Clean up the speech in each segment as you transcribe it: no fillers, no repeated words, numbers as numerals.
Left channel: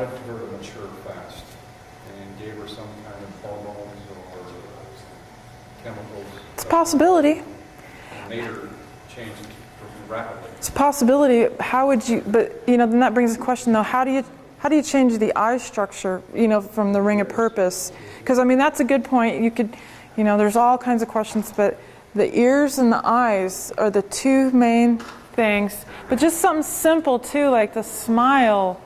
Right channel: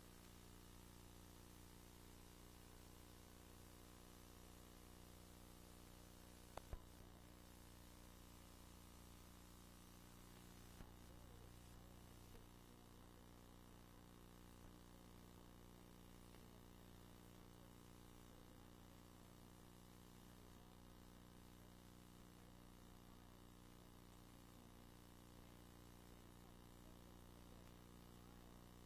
wanted her to mature fast and gave her some kind of hormones or chemicals. It's a possibility. Made her change rapidly. It's a possibility. How would you? But you know, then that brings the question though: how do you change the eye structure? You know, from the ring of purpose? Because I mean, that's a good point. You could, you know, there's all kinds of questions, but the ears and the eyes are the two main things. But just something simple too, like the smile.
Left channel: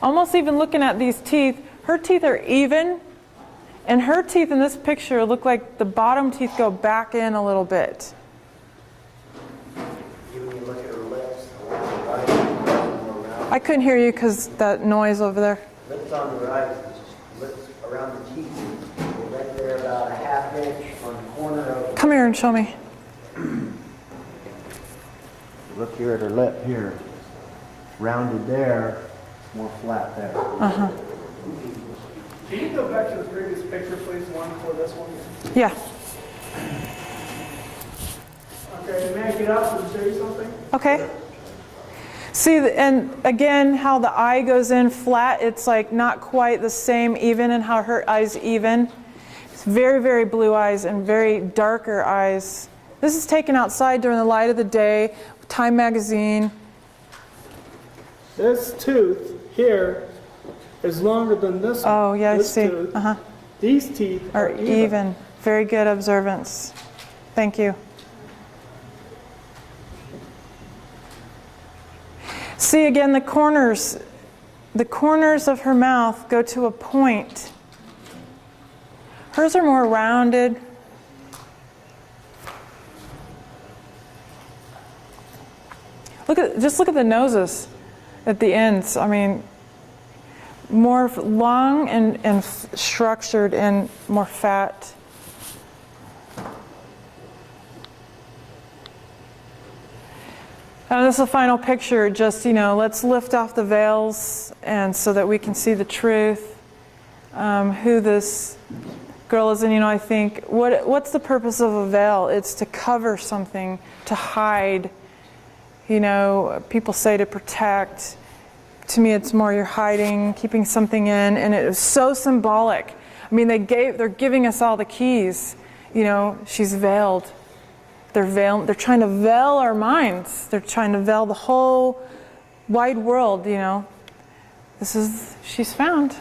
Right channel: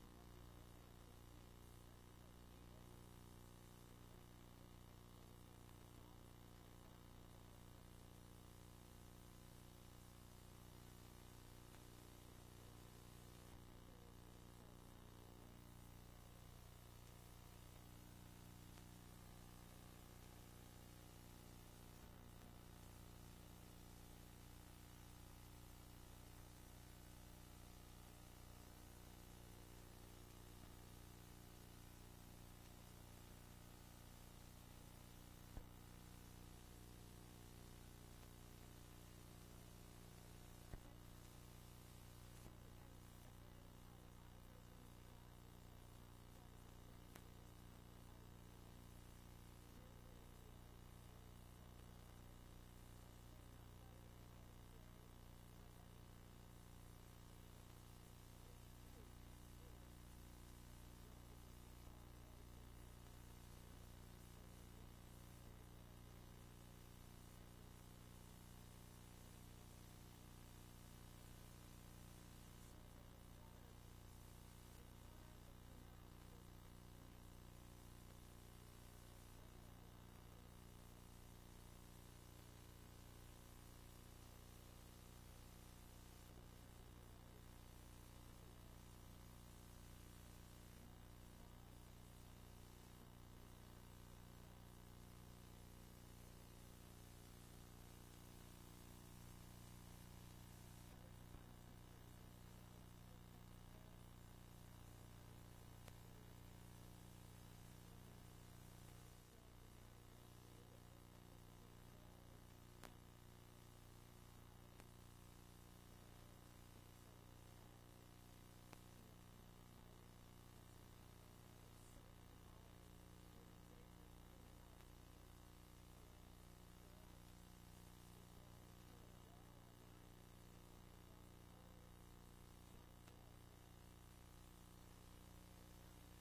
Almost even looking at these teeth, her teeth are even, and her teeth in this picture look like the bottom teeth go back in a little bit. Even when you look at her lips, the right, I couldn't hear you because that noise over there. lips on the right, lips around the teeth, right there about a half inch on the corner of. Come here and show me. Look here at her lip here, rounded there, more flat there. Uh-huh. Can you go back to the previous picture, please, one for this one? Yeah. Okay, may I get up and show you something? Okay. See, and again, how the eye goes in flat, it's like not quite the same even, and how her eye's even. It's very, very blue eyes and very darker eyes. This is taken outside during the light of the day, Time magazine. This tooth here is longer than this one. Oh, yeah, I this see. Tooth. Uh-huh. These teeth Are even. Very good observance. Thank you. See, again, the corners of her mouth go to a point. Hers are more rounded. Just look at the noses at the ends. I mean, more long and structured and more fat. And this is the final picture. Just, you know, let's lift off the veils and so that we can see the truth, who this girl is. And, you know, I think, what's the purpose of a veil? It's to cover something, to hide. You know, people say to protect. To me, it's more you're hiding, keeping something in, and it was so symbolic. I mean, they're giving us all the keys. You know, she's veiled. They're trying to veil our minds. They're trying to veil the whole wide world, you know. She's found.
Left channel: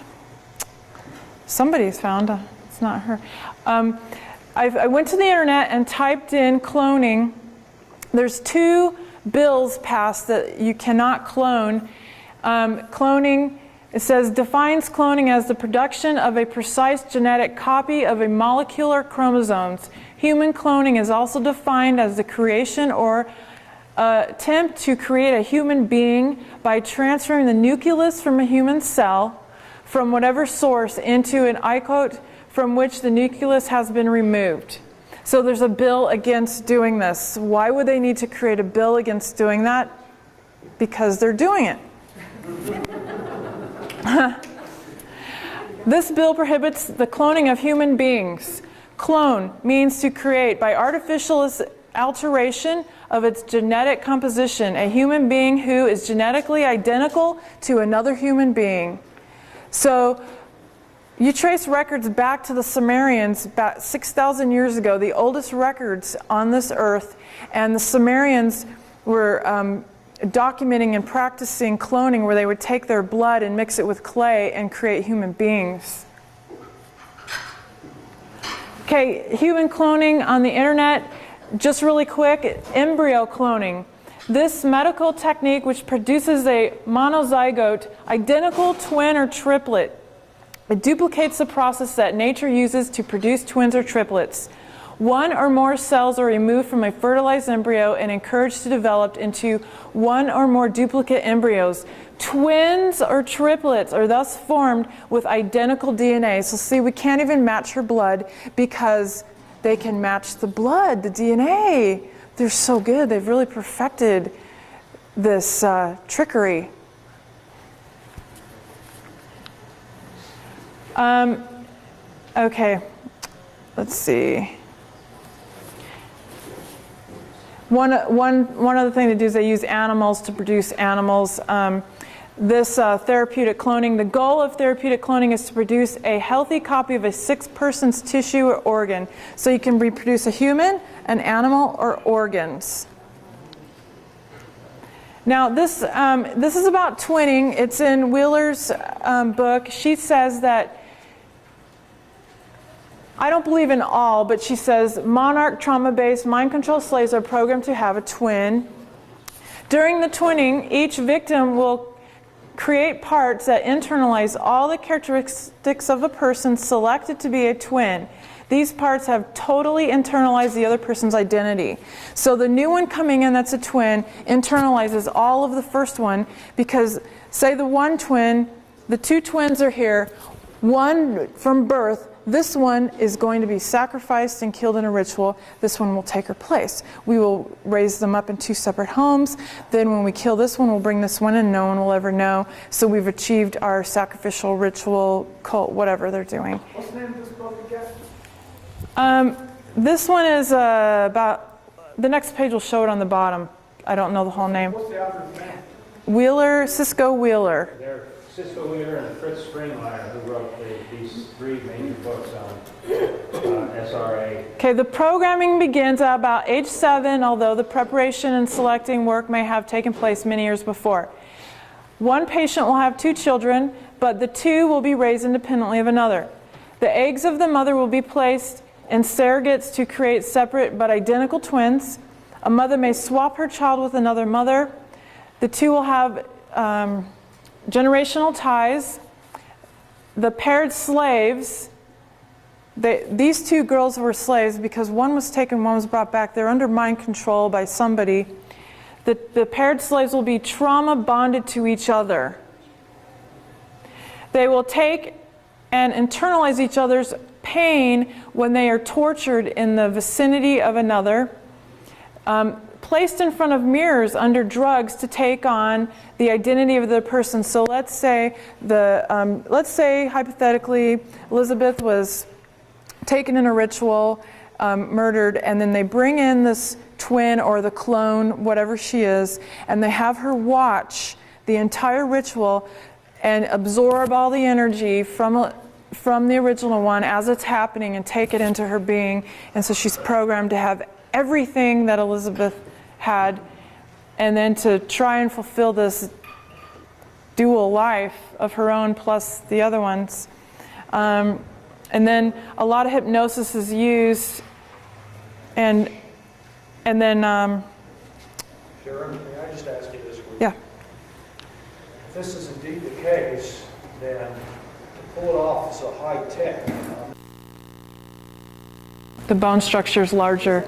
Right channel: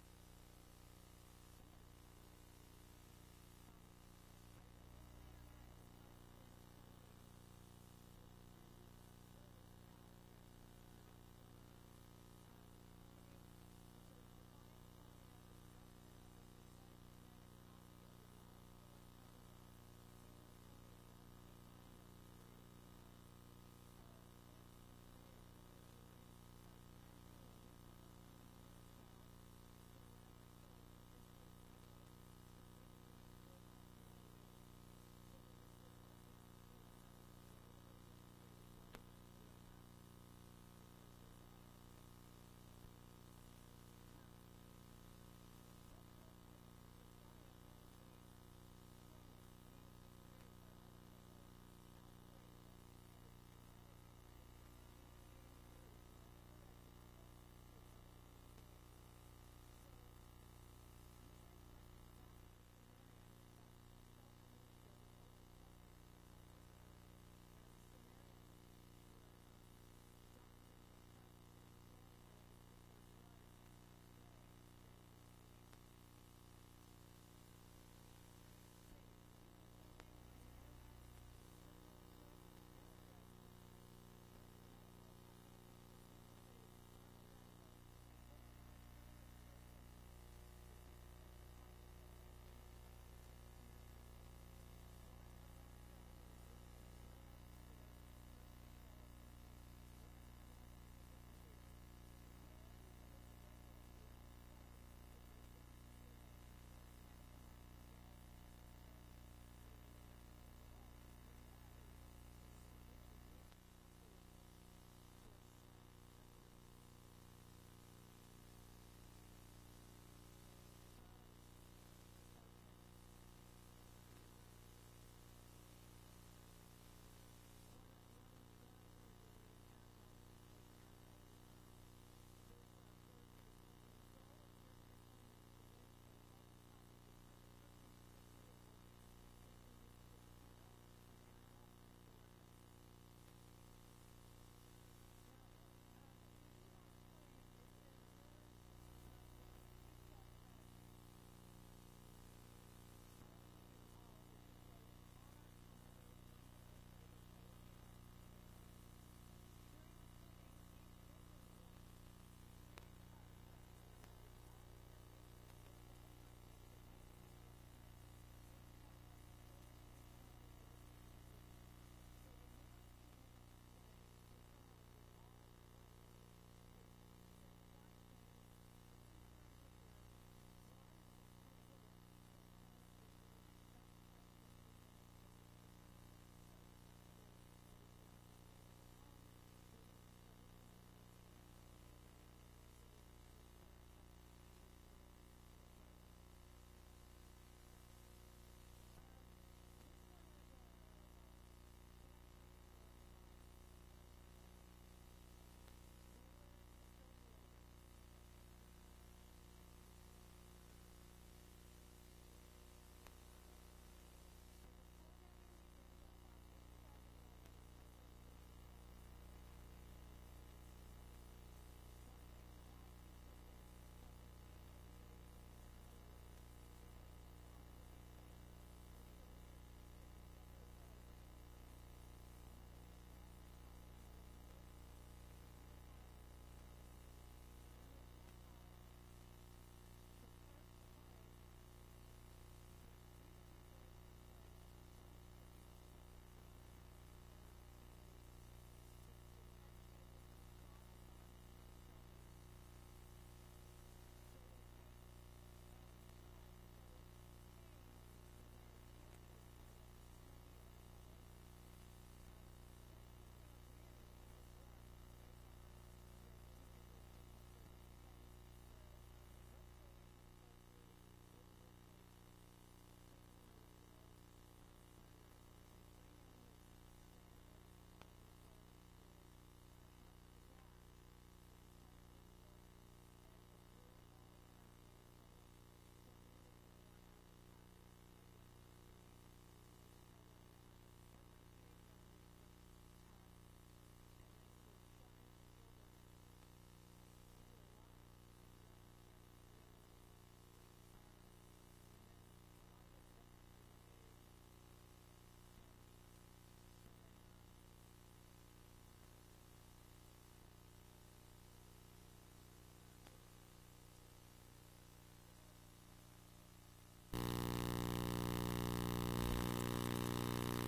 Somebody's found. It's not her. I went to the internet and typed in cloning. There's 2 bills passed that you cannot clone. Cloning, it says, defines cloning as the production of a precise genetic copy of a molecular chromosomes. Human cloning is also defined as the creation or attempt to create a human being by transferring the nucleus from a human cell from whatever source into an isotope from which the nucleus has been removed. So there's a bill against doing this. Why would they need to create a bill against doing that? Because they're doing it. This bill prohibits the cloning of human beings. Clone means to create by artificial alteration of its genetic composition a human being who is genetically identical to another human being. So you trace records back to the Sumerians about 6,000 years ago, the oldest records on this earth, and the Sumerians were documenting and practicing cloning where they would take their blood and mix it with clay and create human beings. Okay, human cloning on the internet, just really quick, embryo cloning. This medical technique which produces a monozygote, identical twin or triplet. It duplicates the process that nature uses to produce twins or triplets. 1 or more cells are removed from a fertilized embryo and encouraged to develop into 1 or more duplicate embryos. Twins or triplets are thus formed with identical DNA. So see, we can't even match her blood because they can match the blood, the DNA. They're so good. They've really perfected this trickery. Okay, let's see. One other thing they do is they use animals to produce animals. this therapeutic cloning. The goal of therapeutic cloning is to produce a healthy copy of a sick person's tissue or organ. So you can reproduce a human, an animal, or organs. Now this is about twinning. It's in Wheeler's book. She says that, I don't believe in all, but she says monarch trauma-based mind control slaves are programmed to have a twin. During the twinning, each victim will create parts that internalize all the characteristics of a person selected to be a twin. These parts have totally internalized the other person's identity. So the new one coming in that's a twin internalizes all of the first one, because say the one twin, the two twins are here, one from birth, this one is going to be sacrificed and killed in a ritual. This one will take her place. We will raise them up in two separate homes. Then when we kill this one, we'll bring this one in. No one will ever know. So we've achieved our sacrificial ritual, cult, whatever they're doing. What's the name of this book again? This one is about, the next page will show it on the bottom. I don't know the whole name. What's the author's name? Wheeler, Cisco Wheeler. They're Cisco Wheeler and Fritz Springmeier, who wrote these three major books on SRA. Okay, the programming begins at about age 7, although the preparation and selecting work may have taken place many years before. One patient will have 2 children, but the 2 will be raised independently of another. The eggs of the mother will be placed in surrogates to create separate but identical twins. A mother may swap her child with another mother. The 2 will have generational ties. The paired slaves, these 2 girls were slaves because one was taken, one was brought back. They're under mind control by somebody. The paired slaves will be trauma bonded to each other. They will take and internalize each other's pain when they are tortured in the vicinity of another. Placed in front of mirrors under drugs to take on the identity of the person. So let's say hypothetically Elizabeth was taken in a ritual, murdered, and then they bring in this twin or the clone, whatever she is, and they have her watch the entire ritual and absorb all the energy from the original one as it's happening and take it into her being. And so she's programmed to have everything that Elizabeth had, and then to try and fulfill this dual life of her own plus the other ones. And then a lot of hypnosis is used, and then Sharon, may I just ask you this? yeah. If this is indeed the case, then to pull it off is a high tech. The bone structure is larger.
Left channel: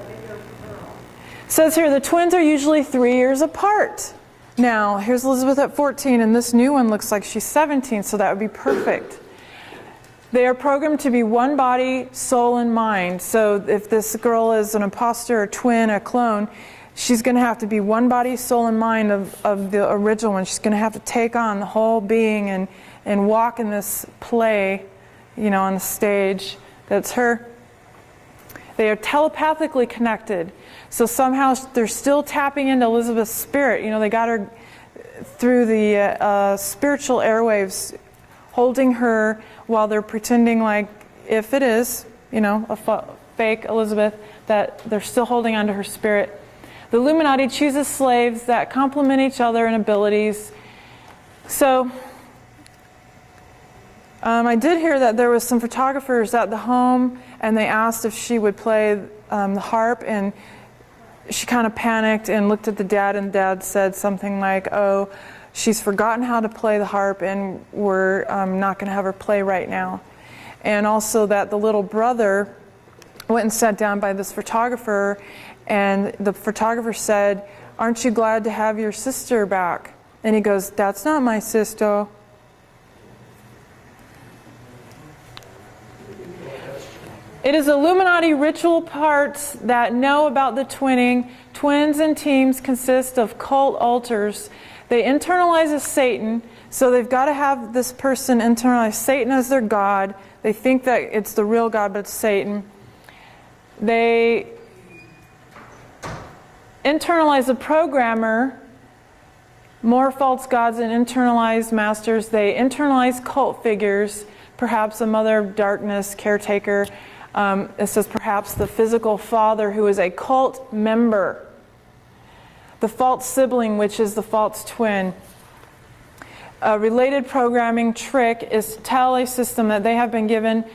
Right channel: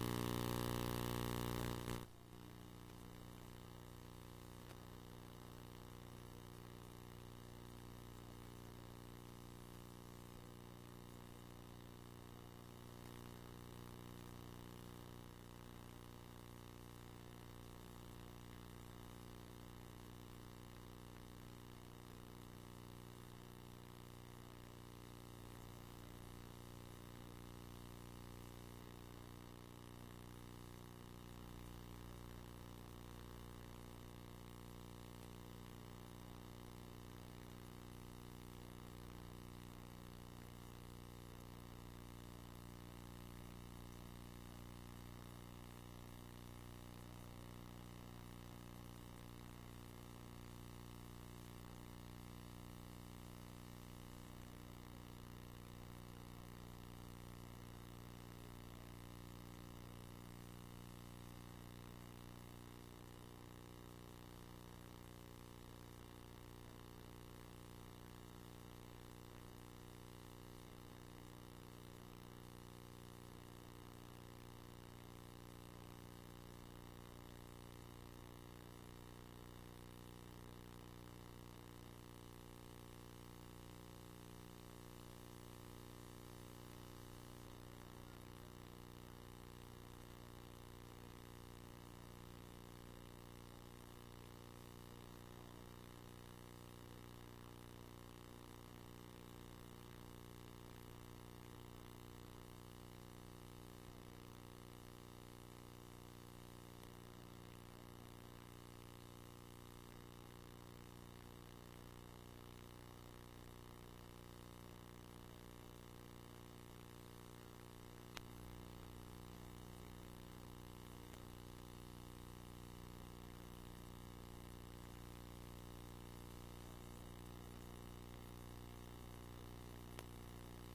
It says here the twins are usually 3 years apart. Now, here's Elizabeth at 14, and this new one looks like she's 17, so that would be perfect. They are programmed to be one body, soul, and mind. So if this girl is an imposter, a twin, a clone, she's going to have to be one body, soul, and mind of the original one. She's going to have to take on the whole being and walk in this play, you know, on the stage. That's her. They are telepathically connected. So somehow they're still tapping into Elizabeth's spirit. You know, they got her through the spiritual airwaves, holding her while they're pretending like, if it is, you know, a fake Elizabeth, that they're still holding onto her spirit. The Illuminati chooses slaves that complement each other in abilities. So I did hear that there was some photographers at the home, and they asked if she would play the harp, and she kind of panicked and looked at the dad, and dad said something like, oh, she's forgotten how to play the harp, and we're not going to have her play right now. And also that the little brother went and sat down by this photographer, and the photographer said, aren't you glad to have your sister back? And he goes, that's not my sister. It is Illuminati ritual parts that know about the twinning. Twins and teams consist of cult altars. They internalize as Satan, so they've got to have this person internalize Satan as their god. They think that it's the real God, but it's Satan. They internalize a programmer more false gods and internalized masters. They internalize cult figures, perhaps a mother of darkness caretaker. It says perhaps the physical father who is a cult member. The false sibling, which is the false twin. A related programming trick is to tell a system that they have been given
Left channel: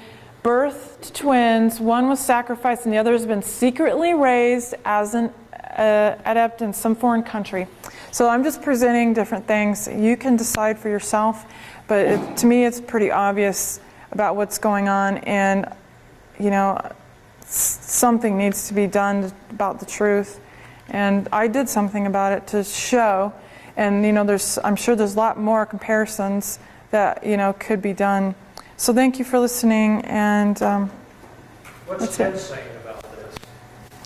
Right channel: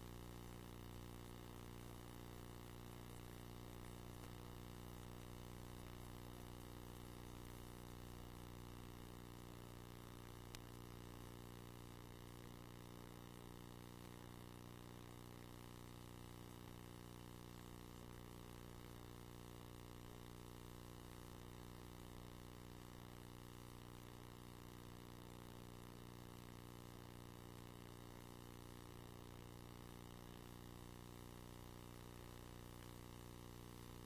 birth to twins. One was sacrificed and the other has been secretly raised as an adept in some foreign country. So I'm just presenting different things. You can decide for yourself, but to me it's pretty obvious about what's going on, and you know, something needs to be done about the truth. And I did something about it to show, and you know, I'm sure there's a lot more comparisons that, you know, could be done. So thank you for listening, and What's Ted saying about this?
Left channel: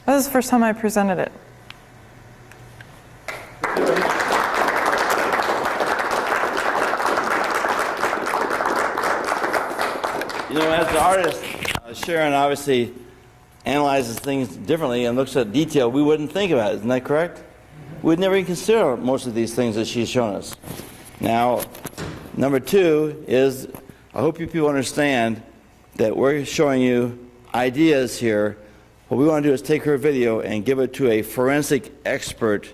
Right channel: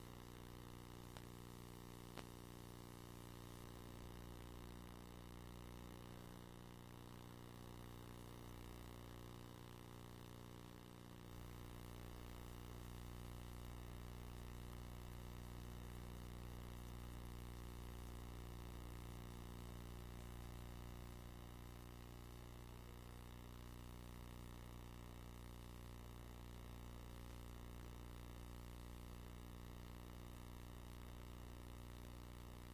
this is the first time I presented it. You know, as the artist, Sharon obviously analyzes things differently and looks at detail we wouldn't think about. Isn't that correct? We'd never even consider most of these things that she's shown us. Now, number two is, I hope you people understand that we're showing you ideas here. What we want to do is take her video and give it to a forensic expert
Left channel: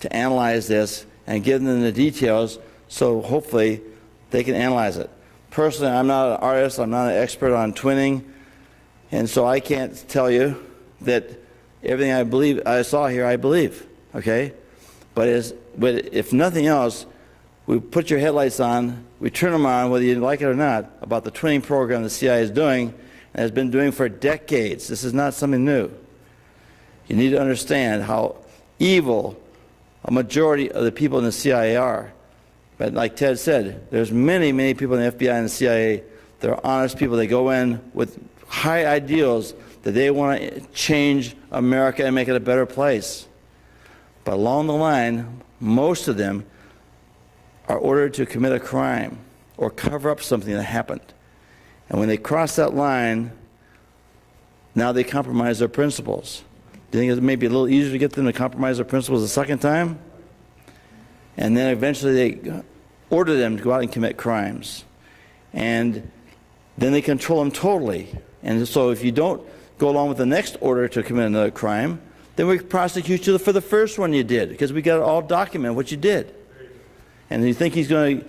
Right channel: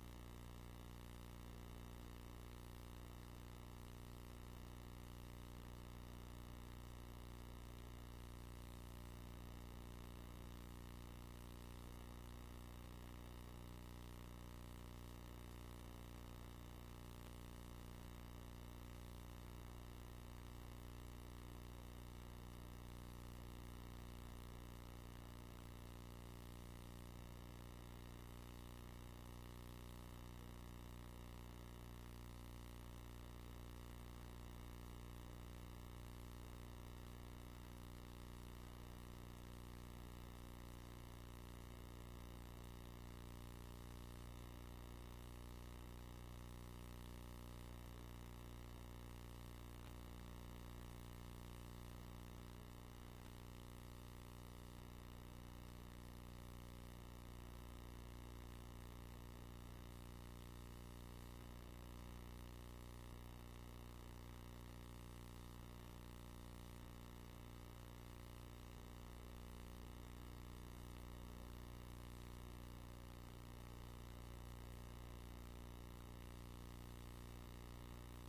to analyze this and give them the details so hopefully they can analyze it. Personally, I'm not an artist, I'm not an expert on twinning, and so I can't tell you that everything I saw here, I believe, okay? But if nothing else, we put your headlights on, we turn them on, whether you like it or not, about the twinning program the CIA is doing, and has been doing for decades. This is not something new. You need to understand how evil a majority of the people in the CIA are. But like Ted said, there's many, many people in the FBI and the CIA that are honest people. They go in with high ideals that they want to change America and make it a better place. But along the line, most of them are ordered to commit a crime or cover up something that happened. And when they cross that line, now they compromise their principles. Do you think it may be a little easier to get them to compromise their principles a second time? And then eventually they order them to go out and commit crimes. And then they control them totally. And so if you don't go along with the next order to commit another crime, then we prosecute you for the first one you did, because we got it all documented what you did. And you think he's going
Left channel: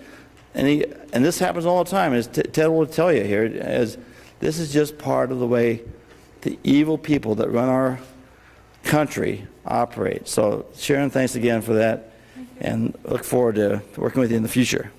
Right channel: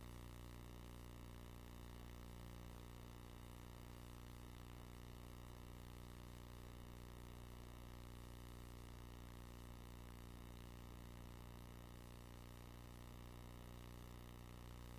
to, and this happens all the time, as Ted will tell you here, as this is just part of the way the evil people that run our country operate. So Sharon, thanks again for that, and look forward to working with you in the future.